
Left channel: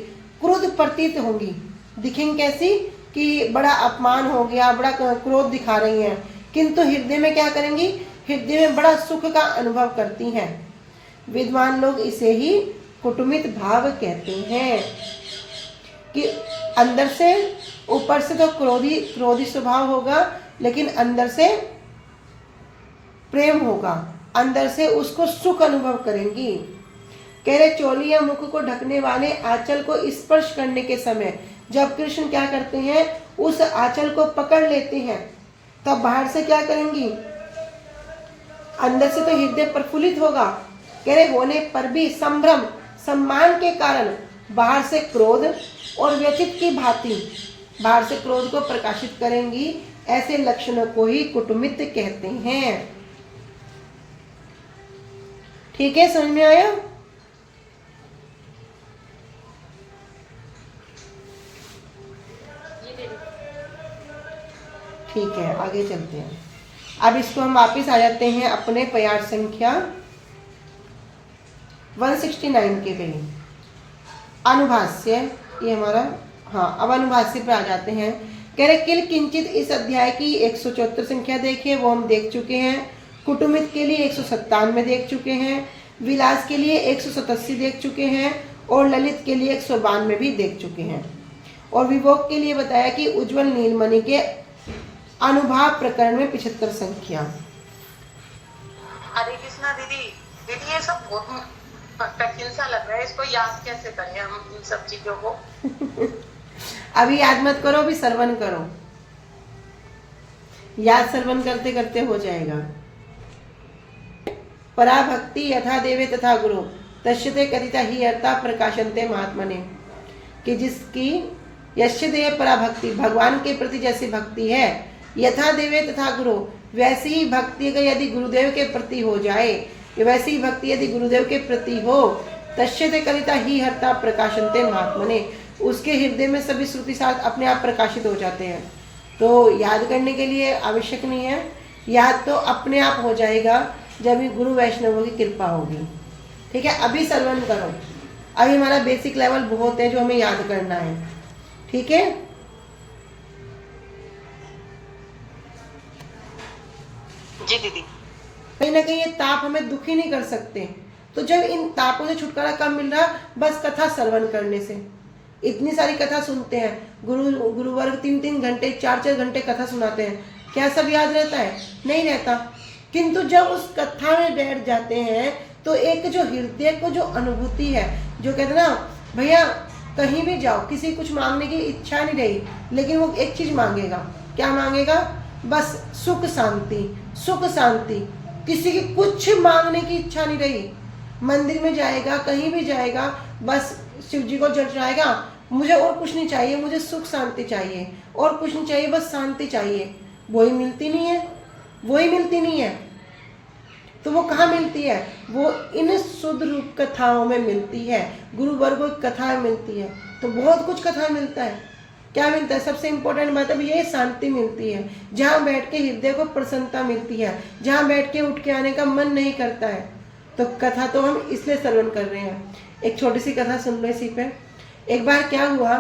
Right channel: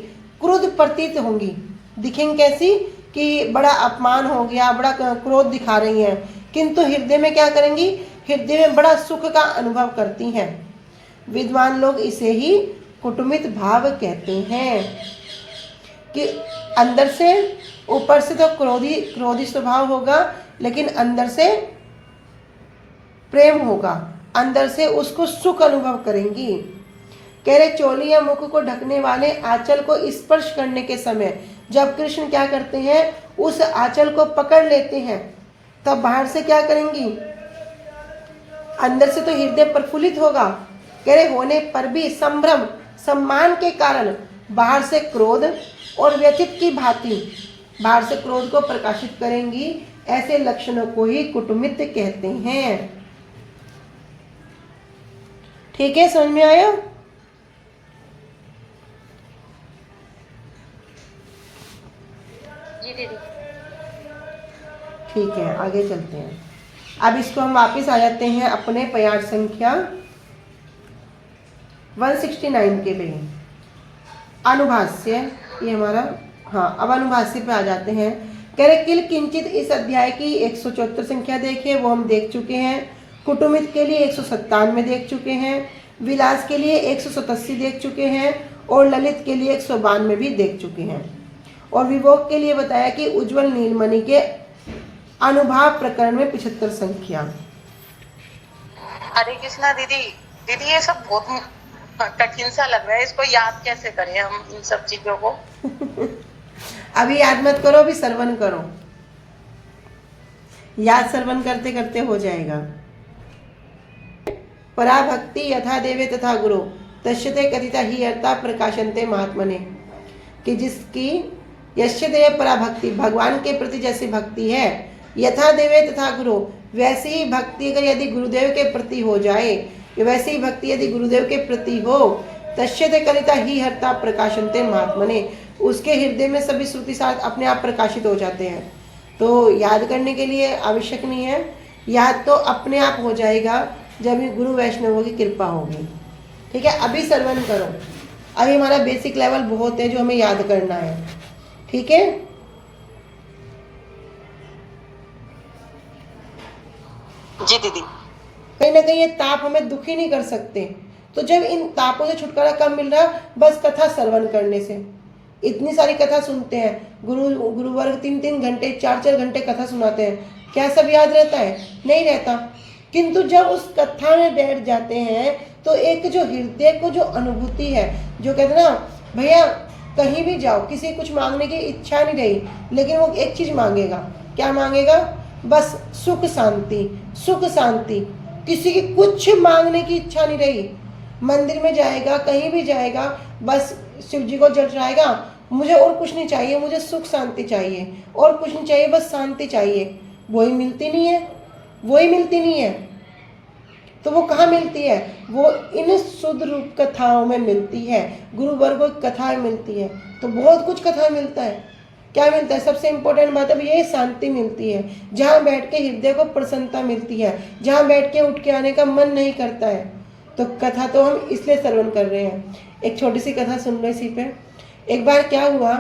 क्रोध प्रतीत होंगी, दिखेंगी कैसी कि बड़ा अपमान हो गया, बड़ा क्रोध दिखा रही हैं, किंतु हृदय में क्या करेंगी, हृदय में बड़ा सुख का अनुभव करती हैं। विद्वान लोग इसे ही कुटुमित भाव कहते हैं कि अंदर से, ऊपर से तो क्रोधी स्वभाव होगा, लेकिन अंदर से प्रेम होगा, अंदर से उसको सुख अनुभव करेंगी। कह रहे चोली या मुख को ढकने वाले आंचल को स्पर्श करने के समय जब कृष्ण क्या करते हैं, उस आंचल को पकड़ लेते हैं, तब बाहर से क्या करेंगी, अंदर से तो हृदय प्रफुल्लित होगा, कह रहे होने पर भी संभ्रम सम्मान के कारण बाहर से क्रोध और व्यथित की भांति बाहर से क्रोध को प्रकाशित करेंगी। ऐसे लक्षणों को ही कुटुमित कहते हैं। ठीक है, समझ में आया? जी दीदी। ठीक है, आगे चलते हैं। अब इसको हम वापिस आ जाते हैं अपने प्यार संख्या 169 के लिए। अनुभाष्य, ये हमारा, हाँ, अब अनुभाष्य पे आ जाते हैं। कह रहे किल किंचित इस अध्याय की 174 संख्या देखिए, वो हम देख चुके हैं। कुटुमित के लिए 197 देख चुके हैं, विलास के लिए 187 देख चुके हैं और ललित के लिए 192 भी देख चुके हैं। और विभोग के लिए बताया कि उज्ज्वल नीलमणि के अनुभाव प्रकरण में 75 संख्या। हरे कृष्णा दीदी। दीदी ये सब बहुत कठिन सा लग रहा है, इसको याद कैसे करें हम इन सब चीजों को? अभी याद मत करो, अभी श्रवण करो, याद श्रवण करते करते हो जाएगा। पराभक्ति यथा देवे तथा गुरु तस्यते कथिता ही अर्था प्रकाशनते महात्मने। कि जिसकी यश्य देव पराभक्ति, भगवान के प्रति जैसी भक्ति है, यथा देवे तथा गुरु वैसी ही भक्ति अगर यदि गुरुदेव के प्रति हो जाए, वैसी ही भक्ति यदि गुरुदेव के प्रति हो, तस्यते कलिता ही हर्ता प्रकाशन्ते महात्मने, उसके हृदय में सभी श्रुति साथ अपने आप प्रकाशित हो जाते हैं। तो याद करने के लिए आवश्यक नहीं है, याद तो अपने आप हो जाएगा जब भी गुरु वैष्णवों की कृपा होगी। ठीक है, अभी श्रवण करो। अभी हमारा बेसिक लेवल बहुत है जो हमें याद करना है। ठीक है, जी दीदी। कहीं ना कहीं ये ताप हमें दुखी नहीं कर सकते। तो जब इन तापों से छुटकारा कब मिल रहा? बस कथा श्रवण करने से। इतनी सारी कथा सुनते हैं, गुरुवर्ग 3-3 घंटे 4-4 घंटे कथा सुनाते हैं, क्या सब याद रहता है? नहीं रहता। किंतु जब उस कथा में बैठ जाते हैं तो एक जो हृदय को जो अनुभूति है, जो कहते हैं ना भैया कहीं भी जाओ, किसी कुछ मांगने की इच्छा नहीं रही, लेकिन वो एक चीज मांगेगा। क्या मांगेगा? बस सुख शांति, सुख शांति। किसी की कुछ मांगने की इच्छा नहीं रही, मंदिर में जाएगा, कहीं भी जाएगा, बस शिव जी को जल चढ़ाएगा, मुझे और कुछ नहीं चाहिए, मुझे सुख शांति चाहिए, और कुछ नहीं चाहिए, बस शांति चाहिए। वही मिलती नहीं है, वही मिलती नहीं है। तो वो कहाँ मिलती है? वो इन शुद्ध रूप कथाओं में मिलती है, गुरुवर्गों की कथाएं मिलती है। तो बहुत कुछ कथाएं मिलता है। क्या मिलता है? सबसे इम्पोर्टेंट बात अब ये शांति मिलती है, जहाँ बैठ के हृदय को प्रसन्नता मिलती है, जहाँ बैठ के उठ के आने का मन नहीं करता है। तो कथा तो हम इसलिए श्रवण कर रहे हैं। एक छोटी सी कथा सुन रहे इसी पे। एक बार क्या हुआ,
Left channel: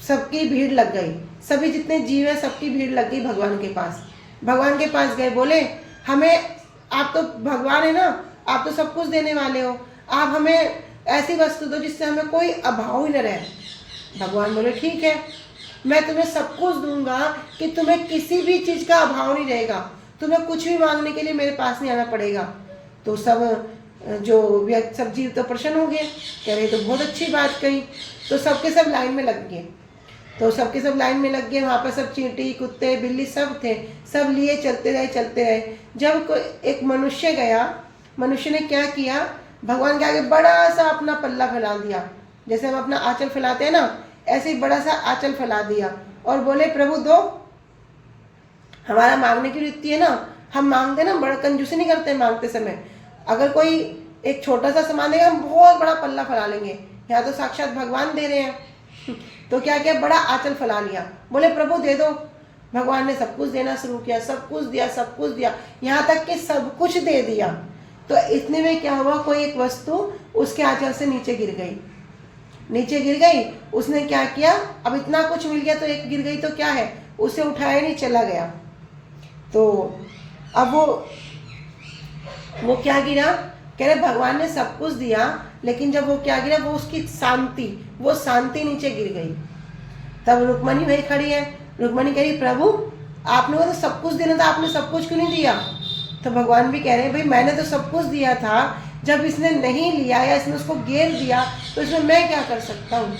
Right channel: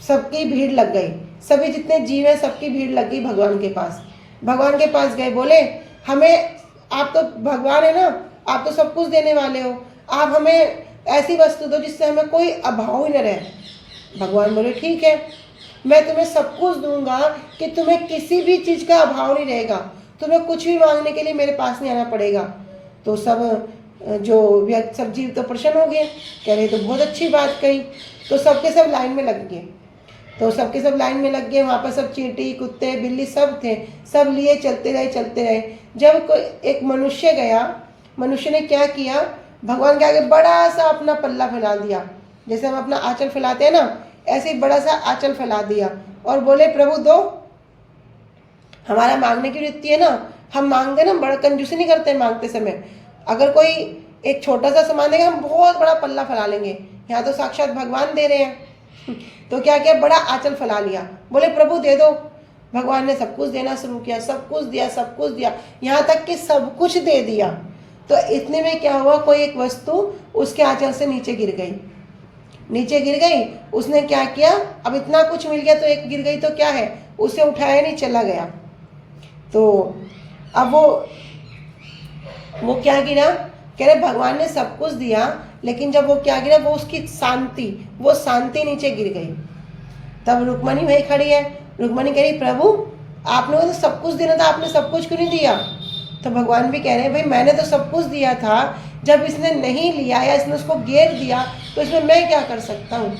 सबकी भीड़ लग गई, सभी जितने जीव हैं सबकी भीड़ लग गई भगवान के पास। भगवान के पास गए, बोले हमें, आप तो भगवान है ना, आप तो सब कुछ देने वाले हो, आप हमें ऐसी वस्तु दो जिससे हमें कोई अभाव ही न रहे। भगवान बोले ठीक है, मैं तुम्हें सब कुछ दूंगा कि तुम्हें किसी भी चीज का अभाव नहीं रहेगा, तुम्हें कुछ भी मांगने के लिए मेरे पास नहीं आना पड़ेगा। तो सब सब जीव तो प्रसन्न हो गए, कह रहे तो बहुत अच्छी बात कही। तो सबके सब लाइन में लग गए, तो सबके सब लाइन में लग गए। वहाँ पर सब चींटी, कुत्ते, बिल्ली सब थे, सब लिए चलते रहे। जब कोई एक मनुष्य गया, मनुष्य ने क्या किया, भगवान के आगे बड़ा सा अपना पल्ला फैला दिया, जैसे हम अपना आंचल फैलाते हैं ना, ऐसे ही बड़ा सा आंचल फैला दिया और बोले प्रभु दो। हमारा मांगने की वृत्ति है ना, हम मांगते ना, बड़ा कंजूसी नहीं करते मांगते समय। अगर कोई एक छोटा सा सामान देगा, हम बहुत बड़ा पल्ला फैला लेंगे। यहाँ तो साक्षात भगवान दे रहे हैं। तो क्या किया, बड़ा आंचल फैला लिया, बोले प्रभु दे दो। भगवान ने सब कुछ देना शुरू किया, सब कुछ दिया, सब कुछ दिया, यहाँ तक कि सब कुछ दे दिया। तो इतने में क्या हुआ, कोई एक वस्तु उसके आंचल से नीचे गिर गई, नीचे गिर गई। उसने क्या किया, अब इतना कुछ मिल गया तो एक गिर गई तो क्या है, उसे उठाया नहीं, चला गया। तो अब वो क्या गिरा, कह रहे भगवान ने सब कुछ दिया, लेकिन जब वो क्या गिरा, वो उसकी शांति, वो शांति नीचे गिर गई। तब रुक्मणी भाई खड़ी है, रुक्मणी कह रही प्रभु आपने वो तो सब कुछ देना था, आपने सब कुछ क्यों नहीं दिया? तो भगवान भी कह रहे हैं भाई मैंने तो सब कुछ दिया था, जब इसने नहीं लिया या इसने उसको घेर दिया तो इसमें मैं क्या कर सकता हूँ?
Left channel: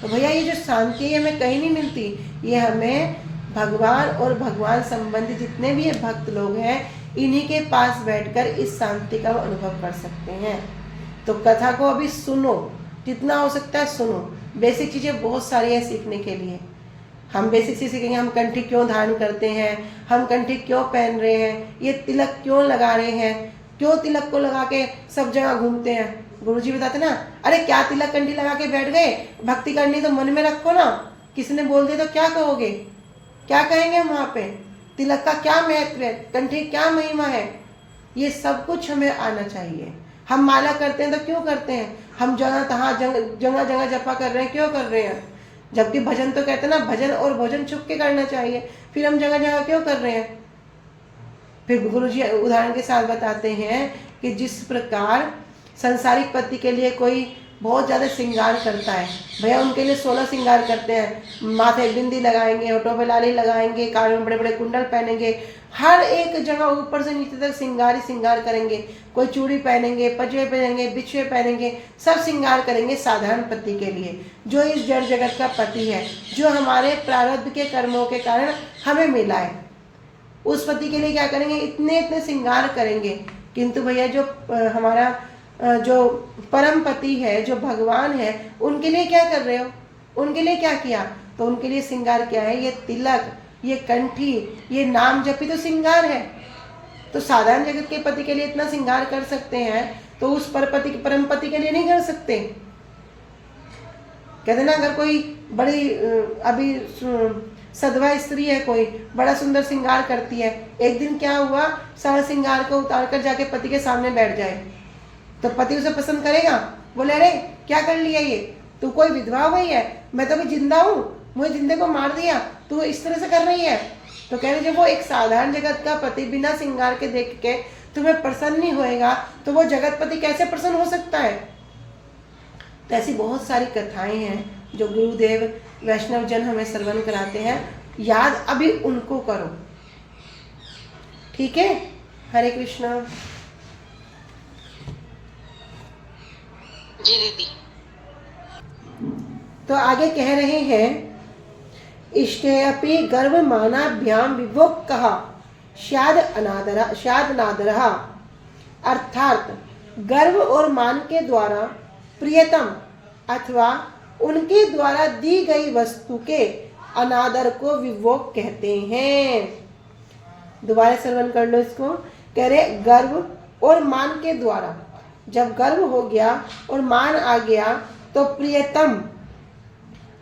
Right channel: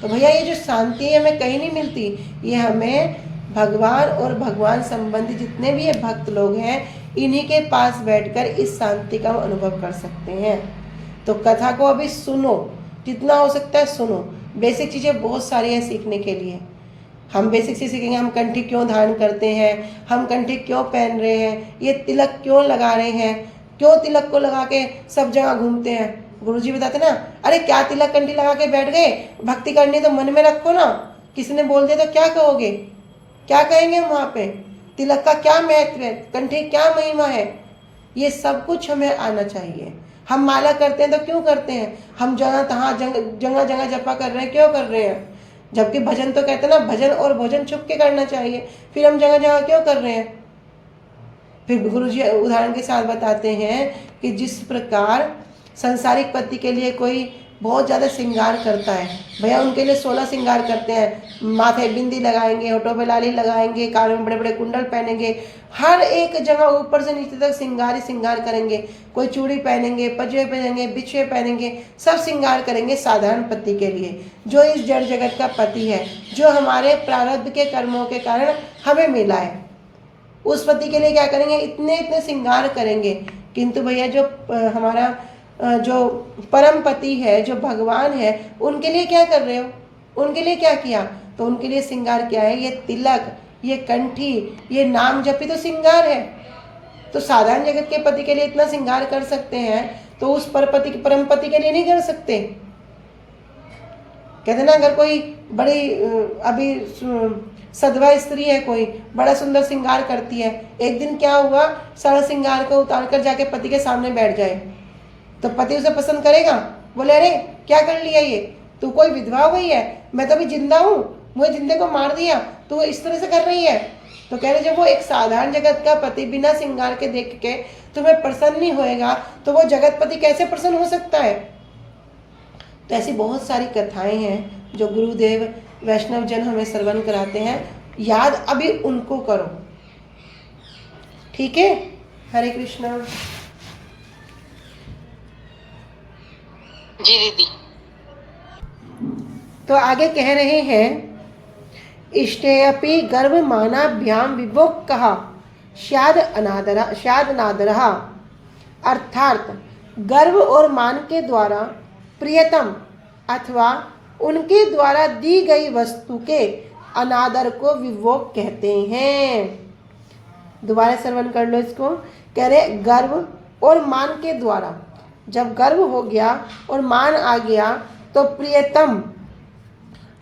तो भैया ये जो शांति है हमें कहीं नहीं मिलती, ये हमें भगवान और भगवान संबंधी जितने भी ये भक्त लोग हैं इन्हीं के पास बैठकर इस शांति का अनुभव कर सकते हैं। तो कथा को अभी सुनो, जितना हो सकता है सुनो। बेसिक चीज़ें बहुत सारी हैं सीखने के लिए। हम बेसिक चीज़ सीखेंगे, हम कंठी क्यों धारण करते हैं, हम कंठी क्यों पहन रहे हैं, ये तिलक क्यों लगा रहे हैं, क्यों तिलक को लगा के सब जगह घूमते हैं। गुरुजी बताते ना, अरे क्या तिलक कंठी लगा के बैठ गए, भक्ति करनी तो मन में रखो ना, किसी ने बोल दिया तो क्या कहोगे, क्या कहेंगे वहाँ पे? तिलक का क्या महत्व है, कंठी क्या महिमा है, ये सब कुछ हमें आना चाहिए। हम माला करते हैं तो क्यों करते हैं, हम जगह तहाँ जगह जगह जपा कर रहे हैं, क्यों कर रहे हैं? जबकि भजन तो कहते हैं ना, भजन और भोजन छुप के करना चाहिए, फिर हम जगह जगह क्यों कर रहे हैं? फिर गुरुजी उदाहरण के साथ बताते हैं कि जिस प्रकार संसारिक पति के लिए कोई बहुत ज़्यादा श्रृंगार करता है, भैया उनके लिए 16 श्रृंगार करते हैं, माथे बिंदी लगाएंगे, होठों पे लाली लगाएंगे, कानों में बड़े बड़े कुंडल पहनेंगे, हर एक जगह ऊपर से नीचे तक श्रृंगार ही श्रृंगार करेंगे। कोई चूड़ी पहनेंगे, पजवे पहनेंगे, बिछुए पहनेंगे, सब श्रृंगार करेंगे साधारण पति के लिए, जो इस जड़ जगत का पति है, जो हमारे प्रारब्ध के कर्मों के कारण हमें मिला है। उस पति के लिए क्या करेंगे, इतने इतने श्रृंगार करेंगे। किंतु भैया जो हमारा जो परम पति है, जो भगवान है, उनके लिए क्या कर रहे हो, उनके लिए क्या किया? तो उनके लिए श्रृंगार क्या है, ये तिलक, ये कंठी, ये नाम जपी तो श्रृंगार है। तो साधारण जगत के पति के लिए इतना श्रृंगार कर सकते हैं, तो उस परपति परम पति के लिए नहीं कर सकते। कहते ना, अगर कोई बड़ी अभी सधवा स्त्री है, कोई बड़ा सुंदर श्रृंगार करती है, एक दिन क्या हुआ, सारा श्रृंगार को उतार कर जाके पति के सामने बैठ जाए, तो पति उसे पसंद करेगा? बोले अरे क्या कर लिया ये, तू कोई विधवा हुई है, मैं तो अभी जिंदा हूँ, मुझे जिंदे को मार दिया, तू इस तरह से कर रही है। तो कह रहे जब वो एक साधारण जगत का पति बिना श्रृंगार के देख के तुम्हें प्रसन्न नहीं होएगा, तो वो जगतपति कैसे प्रसन्न हो सकता है। तो ऐसी बहुत सारी कथाएं हैं जो गुरुदेव वैष्णव जन हमें श्रवण कराते हैं, याद अभी उनको करो, ठीक है। हरे कृष्णा। जी दीदी। तो आगे कह रहे हैं, इष्टे अपि गर्व मानाभ्याम विभोग कहा शाद अनादरहा, अर्थात गर्व और मान के द्वारा प्रियतम अथवा उनके द्वारा दी गई वस्तु के अनादर को विभोग कहते हैं। दोबारा श्रवण कर लो इसको। कह रहे गर्व और मान के द्वारा, जब गर्व हो गया और मान आ गया तो प्रियतम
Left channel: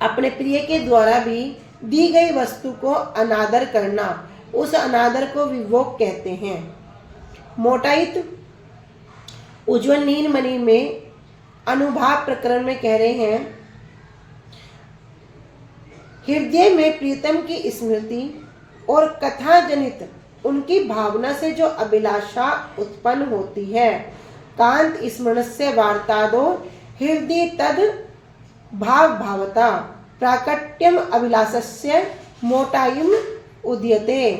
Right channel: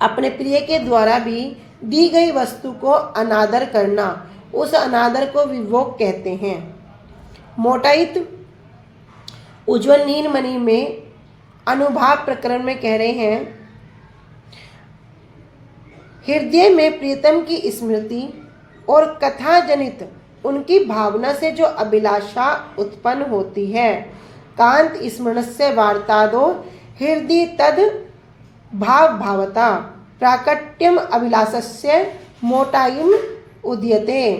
अपने प्रिय के द्वारा भी दी गई वस्तु को अनादर करना, उस अनादर को विभोग कहते हैं। मोटाइत उज्ज्वल नीलमणि में अनुभाव प्रकरण में कह रहे हैं, हृदय में प्रीतम की स्मृति और कथा जनित उनकी भावना से जो अभिलाषा उत्पन्न होती है, कांत स्मरण से वार्तादो हृदय तद भाव भावता प्राकट्यम अभिलाषस्य मोटाइम उदयते।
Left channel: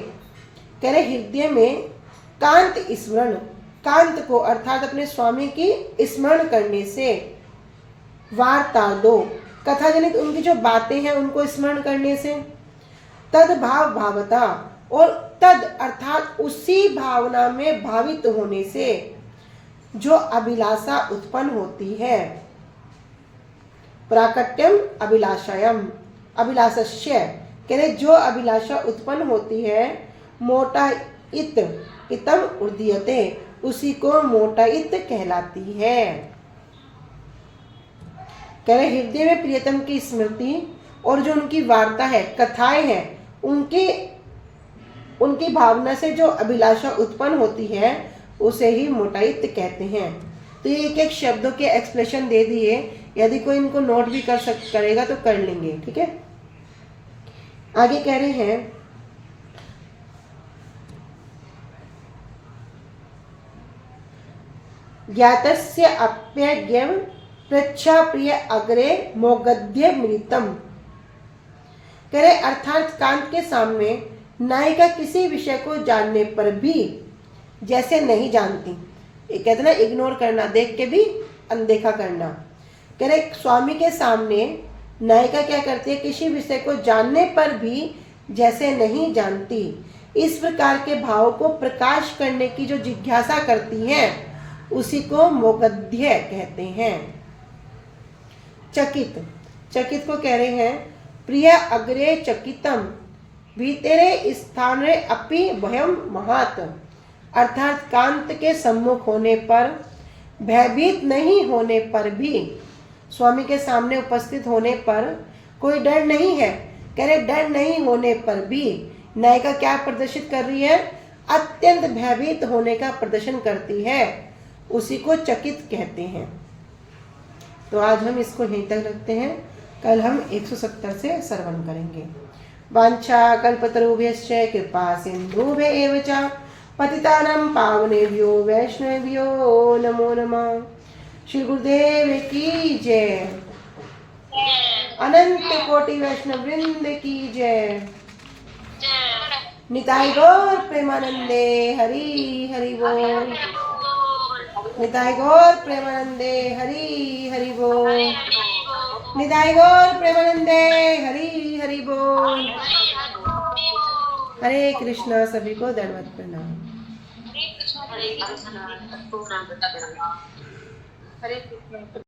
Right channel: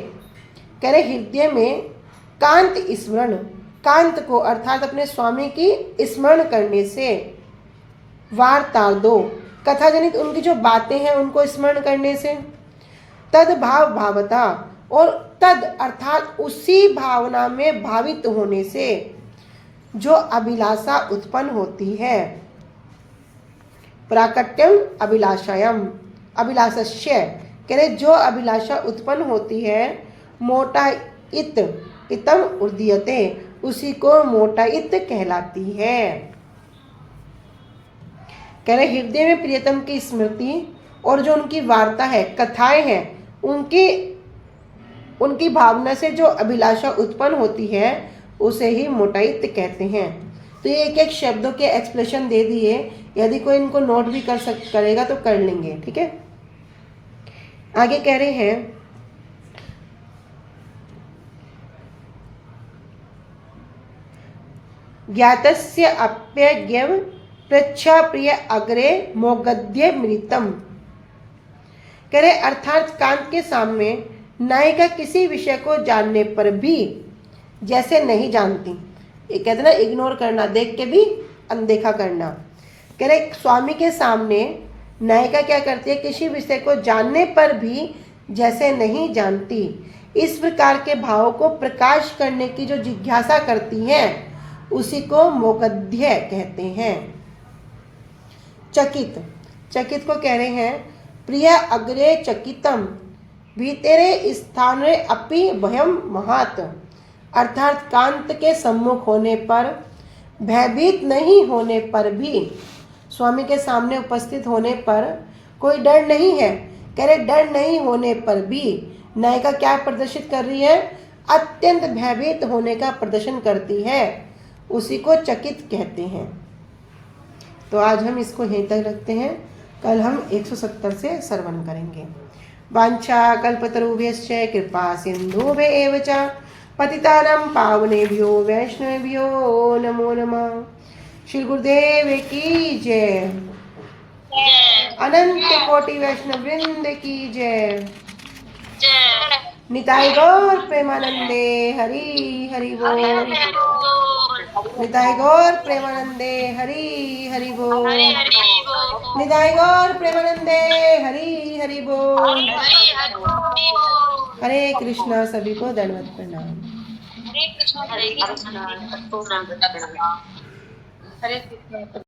कह रहे हृदय में कांत स्मरण, कांत को अर्थात अपने स्वामी की स्मरण करने से, वार्ता दो कथा जनित उनकी जो बातें हैं उनको स्मरण करने से, तद भाव भावता और तद अर्थात उसी भावना में भावित होने से जो अभिलाषा उत्पन्न होती है, प्राकट्यम अभिलाषायम अभिलाषस्य, कह रहे जो अभिलाषा उत्पन्न होती है, मोटा इत इतम उदीयते, उसी को मोटाइत कहलाती है। कह रहे हृदय में प्रियतम की स्मृति और जो उनकी वार्ता है, कथाएं हैं, उनकी भावना से जो अभिलाषा उत्पन्न होती है उसे ही मोटाइत कहते हैं। तो ये एक एक शब्दों के एक्सप्लेनेशन दे दिए, यदि कोई इनको नोट भी करेगा तो कर लेंगे, ठीक है। आगे कह रहे हैं, ज्ञातस्य अप्यज्ञम प्रच्छा प्रिय अग्रे मोगद्य मृतम। कह रहे अर्थात कांत के सामने नायिका किसी विषय को जानने पर भी जैसे नहीं जानती, ये कहते ना इग्नोर करना, देख के भी अनदेखा करना। कह रहे स्वामी के सामने नायिका क्या करती है, किसी विषय को जानने पर भी जैसे नहीं जानती, इस प्रकार के भाव को प्रकाश करने की जो जिज्ञासा करती हैं उसी को मोगद्य कहते हैं। चकित, चकित को कह रहे हैं प्रिय अग्रे चकितम भीतरे स्थाने अपि भयम महात, अर्थात कांत के सम्मुख होने पर, भयभीत नहीं होने पर भी, स्वामी के सामने उपस्थित होने पर कोई डर नहीं है। कह रहे डर नहीं होने पर भी नायिका क्या प्रदर्शित कर रही है, अत्यंत भयभीत होने का प्रदर्शन करती है, उसी को चकित कहते हैं। तो आज हम इसको यहीं तक रखते हैं, कल हम 170 से श्रवण करेंगे। वांछा कल्पतरुभ्यश्च कृपा सिन्धुभ्येव च पतितानां पावनेभ्यो वैष्णवेभ्यो नमो नमः। श्री गुरुदेव की जय, अनंत कोटि वैष्णव वृंद की जय। निताय गौर प्रेमानंदे हरि हरि बोल। निताय गौर प्रेमानंदे हरि हरि बोल। निताय गौर प्रेमानंदे हरि हरि बोल। हरे कृष्णा। सभी को दंडवत प्रणाम। हरे कृष्णा। हरे कृष्णा। हरे कृष्णा।